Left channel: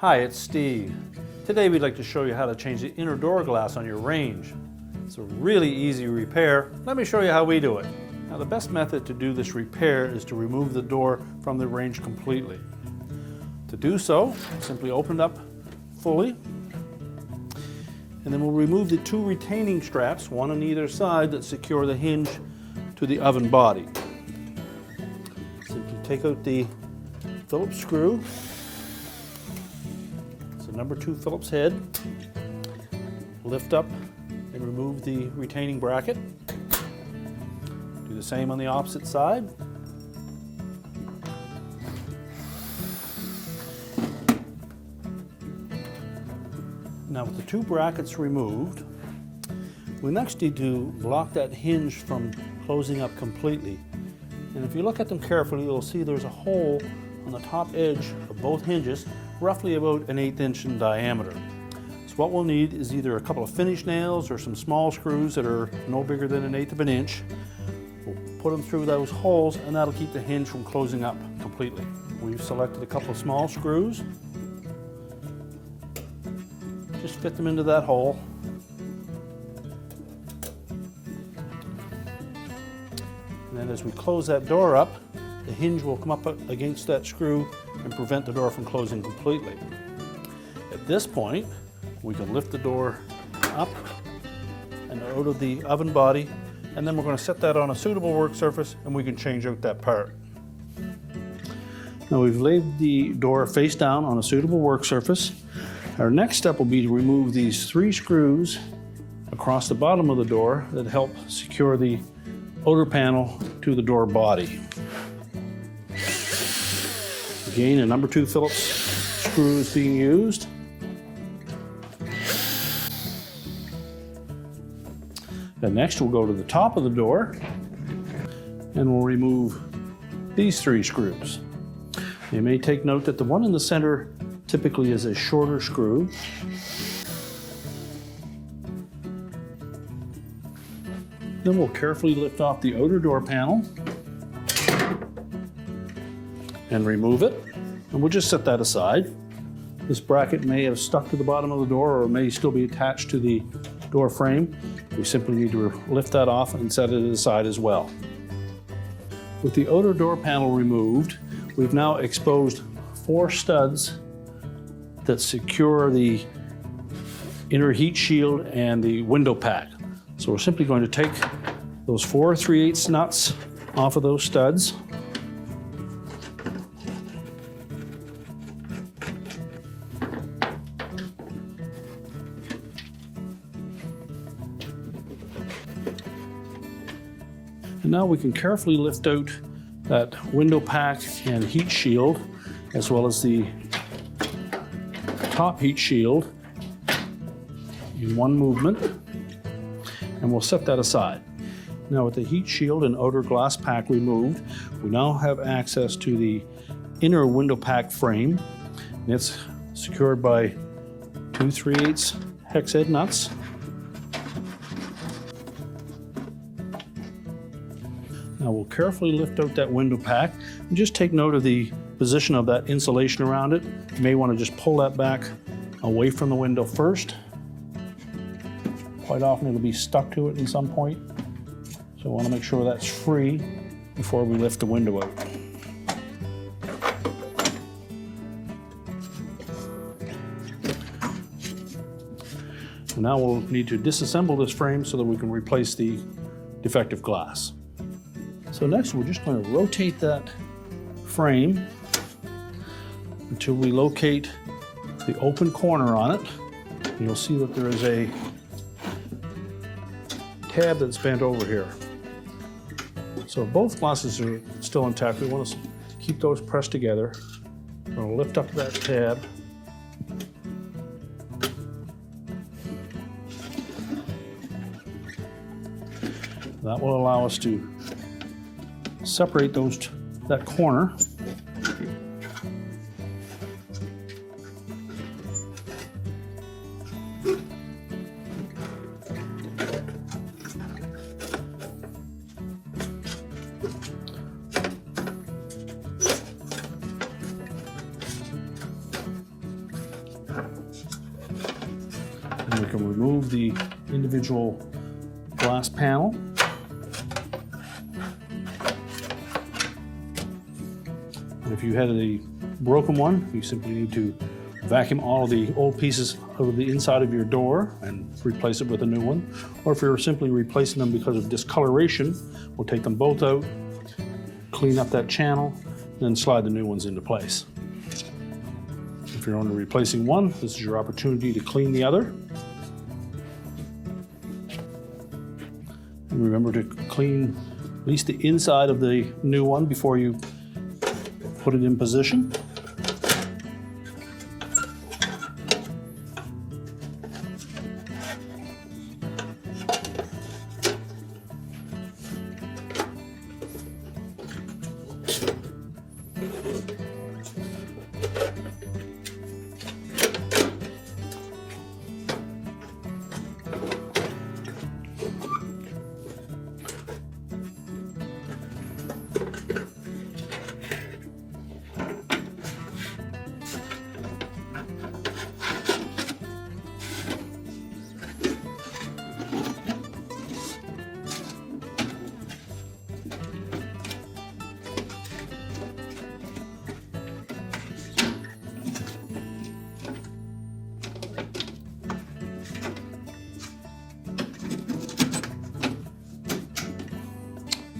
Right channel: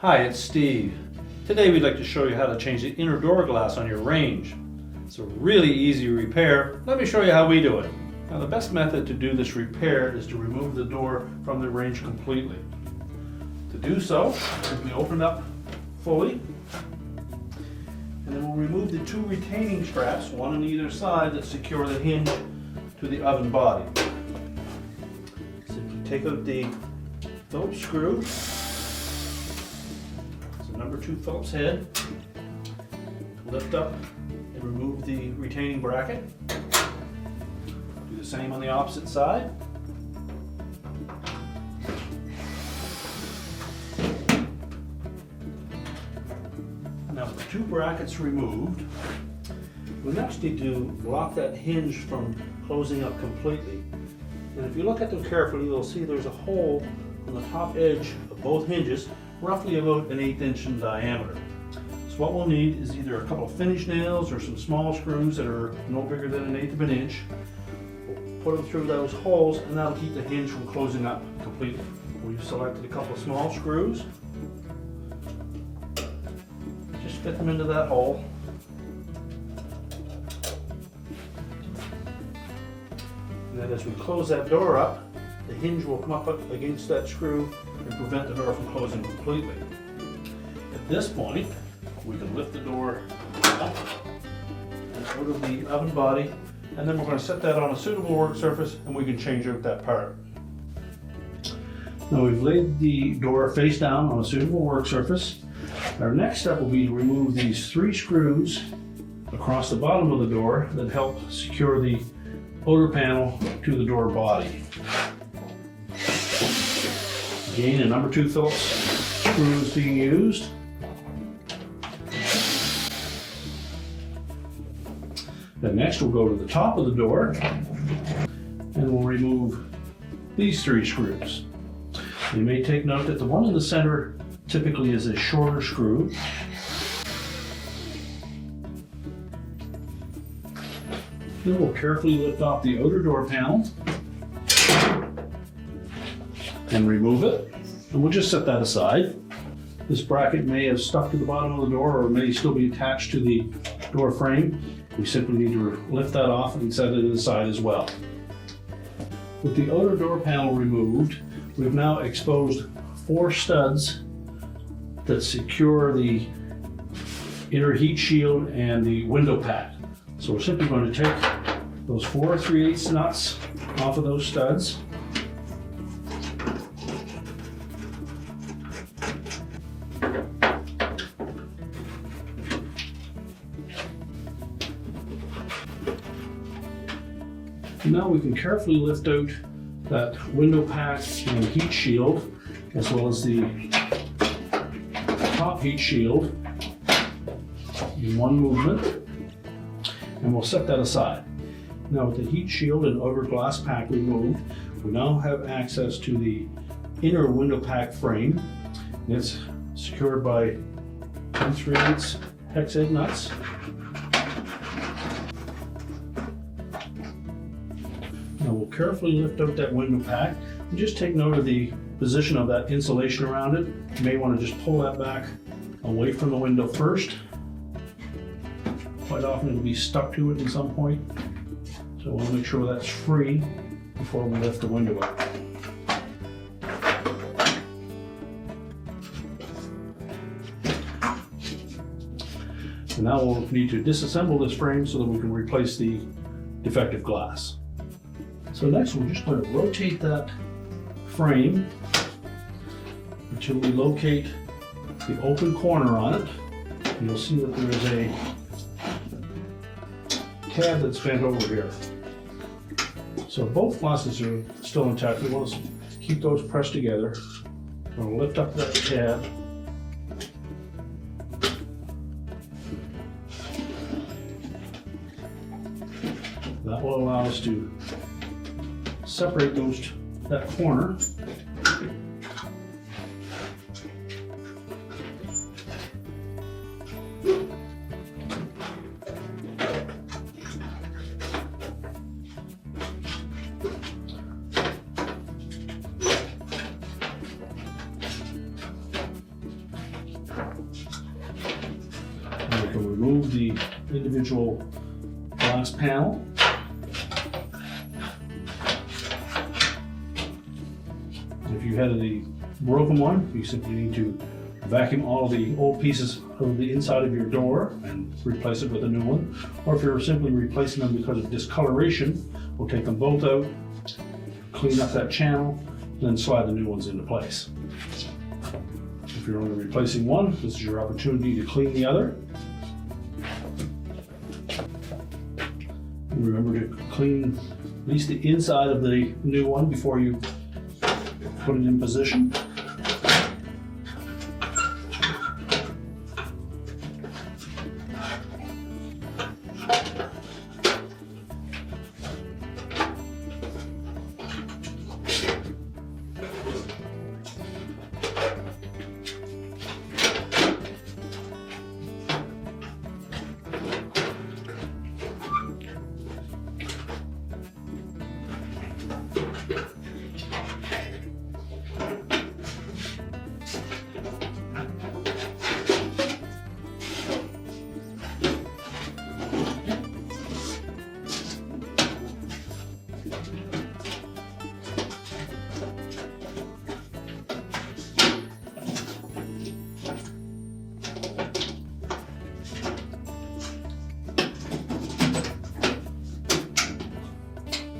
Hi, it's Steve. Today we'd like to show you how to change the inner door glass on your range. It's a really easy repair. Let me show you how we do it. Now the best method to do this repair is to remove the door from the range completely. To do so, simply open it up fully, and then we'll remove the two retaining straps, one on either side, that secure the hinge to the oven body. Simply take out the Phillips screw. Number 2 Phillips head, lift up and remove the retaining bracket. Do the same on the opposite side. Now with the 2 brackets removed, we next need to lock that hinge from closing up completely. And if you look at them carefully, you'll see there's a hole on the top edge of both hinges, roughly about an 1/8 inch in diameter. So what we'll need is either a couple of finish nails or some small screws that are no bigger than 1/8 of an inch. We'll put them through those holes and that'll keep the hinge from closing up completely. We've selected a couple of small screws. Just fit them into that hole. And then as we close that door up, the hinge will come up against that screw and prevent the door from closing completely. At this point, we can lift the door up and out of the oven body, and then we're going to set that on a suitable work surface and we can change out that part. Now we've laid the door face down on a suitable work surface. Our next step will be to remove these 3 screws across the bottom of the door that help secure the outer panel to the door body. Again, a number 2 Phillips screw is being used. Then next we'll go to the top of the door and we'll remove these 3 screws. You may take note that the one in the center typically is a shorter screw. Then we'll carefully lift off the outer door panel and remove it. And we'll just set that aside. This bracket may have stuck to the bottom of the door or may still be attached to the door frame. We simply need to lift that off and set it aside as well. With the outer door panel removed, we've now exposed 4 studs that secure the inner heat shield and the window pack. So we're simply going to take those 4 3/8 nuts off of those studs. Now we can carefully lift out that window pack and heat shield, as well as the top heat shield in one movement, and we'll set that aside. Now with the heat shield and outer glass pack removed, we now have access to the inner window pack frame. It's secured by 2 3/8 hex head nuts. Now we'll carefully lift out that window pack and just take note of the position of that insulation around it. You may want to just pull that back away from the window first. Quite often it'll be stuck to it at some point, so we want to make sure that's free before we lift the window up. Now we'll need to disassemble this frame so that we can replace the defective glass. So next we're just going to rotate that frame until we locate the open corner on it. You'll see that there is a tab that's bent over here. So both glasses are still intact. We'll just keep those pressed together. We'll lift up that tab. That will allow us to separate that corner. And we can remove the individual glass panel. And if you had a broken one, you simply need to vacuum all the old pieces of the inside of your door and replace it with a new one. Or if you're simply replacing them because of discoloration, we'll take them both out, clean up that channel, and then slide the new ones into place. If you're only replacing one, this is your opportunity to clean the other. And remember to clean at least the inside of the new one before you put it in position.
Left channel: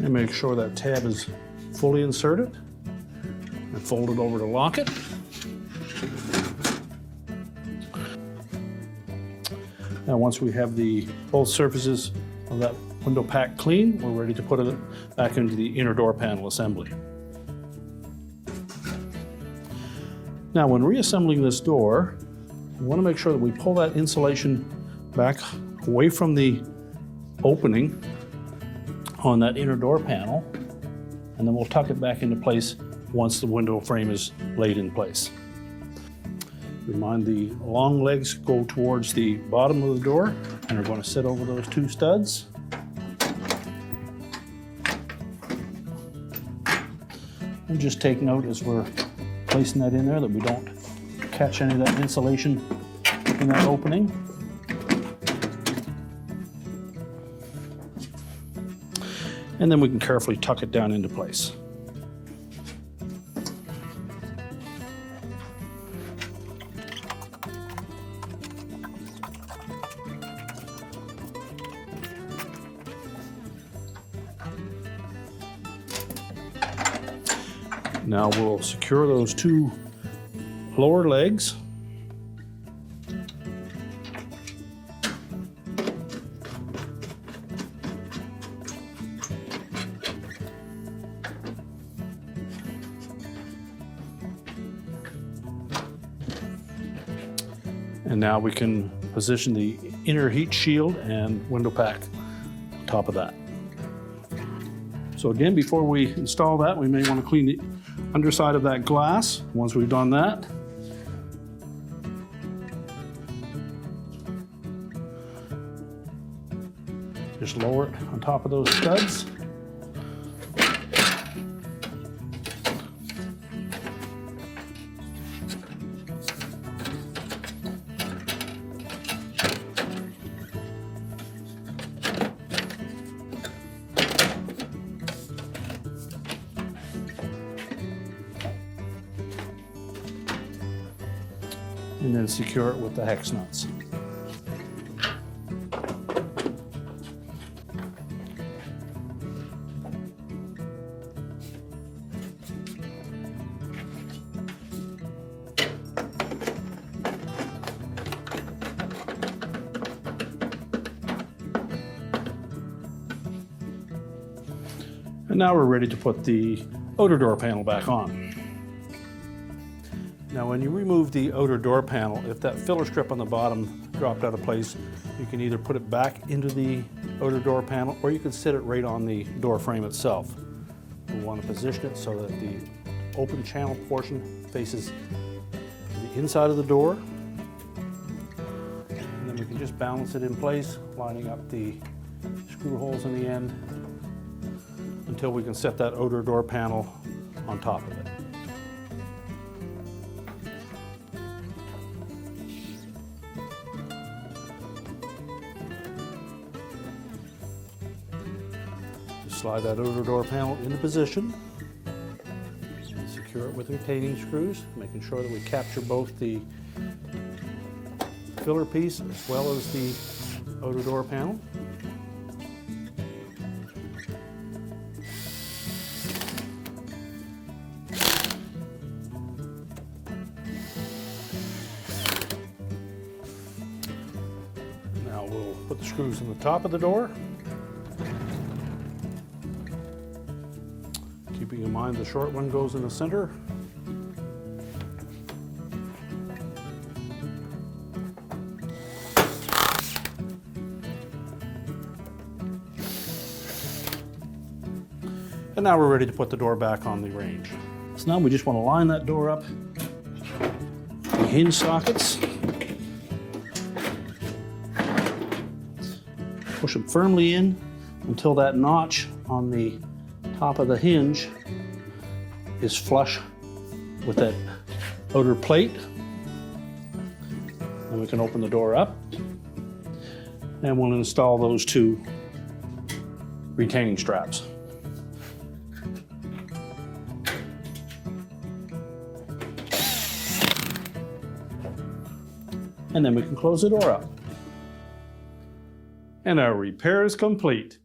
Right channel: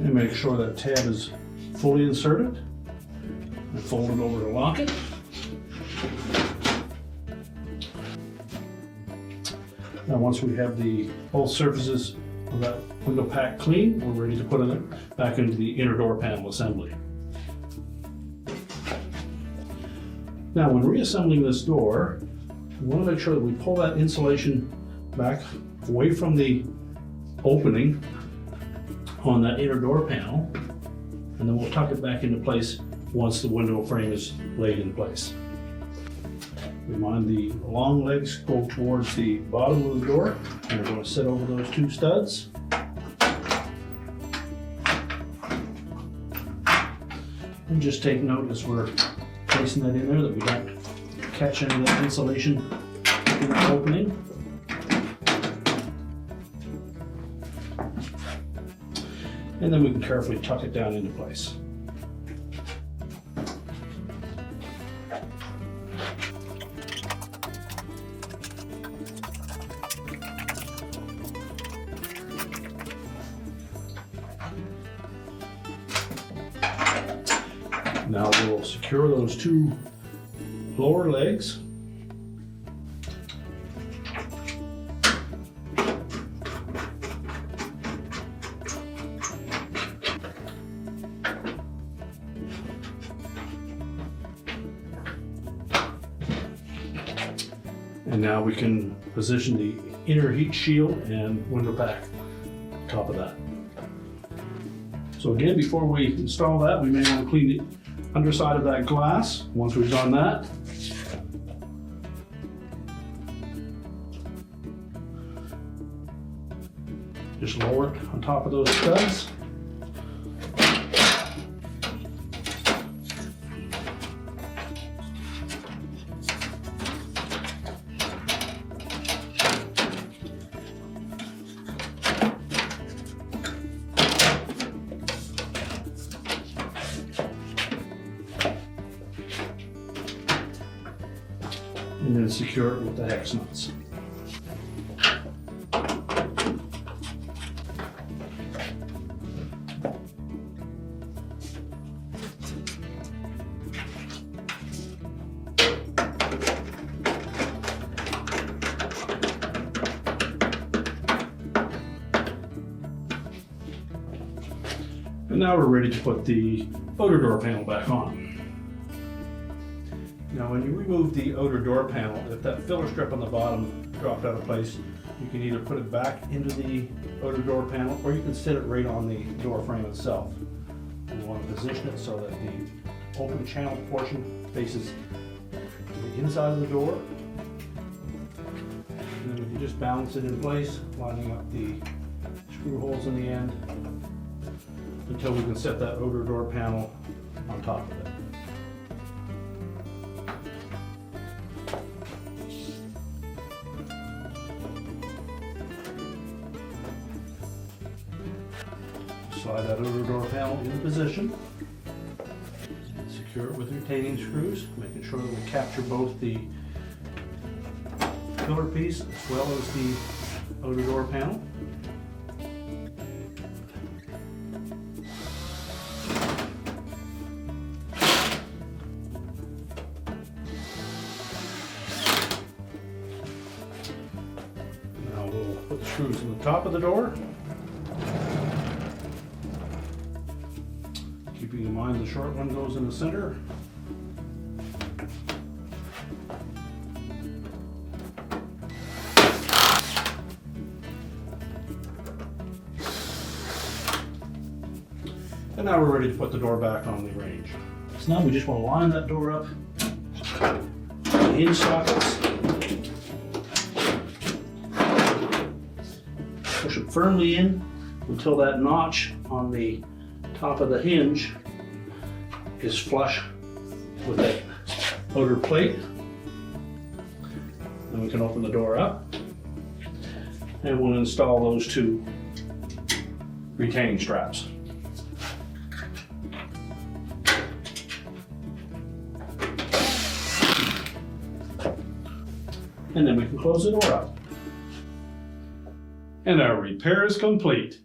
And make sure that tab is fully inserted and fold it over to lock it. Now once we have both surfaces of that window pack clean, we're ready to put it back into the inner door panel assembly. Now when reassembling this door, we want to make sure that we pull that insulation back away from the opening on that inner door panel, and then we'll tuck it back into place once the window frame is laid in place. Remind the long legs go towards the bottom of the door, and you're going to sit over those two studs. And just take note as we're placing that in there that we don't catch any of that insulation in that opening. And then we can carefully tuck it down into place. Now we'll secure those two lower legs. And now we can position the inner heat shield and window pack on top of that. So again, before we install that, we may want to clean the underside of that glass. Once we've done that, just lower it on top of those studs. And then secure it with the hex nuts. And now we're ready to put the outer door panel back on. Now when you remove the outer door panel, if that filler strip on the bottom dropped out of place, you can either put it back into the outer door panel or you can sit it right on the door frame itself. We want to position it so that the open channel portion faces the inside of the door. And then you can just balance it in place, lining up the screw holes in the end until we can set that outer door panel on top of it. Slide that outer door panel into position. Secure it with retaining screws, making sure that we capture both the filler piece as well as the outer door panel. Now we'll put the screws in the top of the door. Keeping in mind the short one goes in the center. And now we're ready to put the door back on the range. So now we just want to line that door up. The hinge sockets. Push it firmly in until that notch on the top of the hinge is flush with that outer plate. Then we can open the door up and we'll install those two retaining straps. And then we can close the door up. And our repair is complete.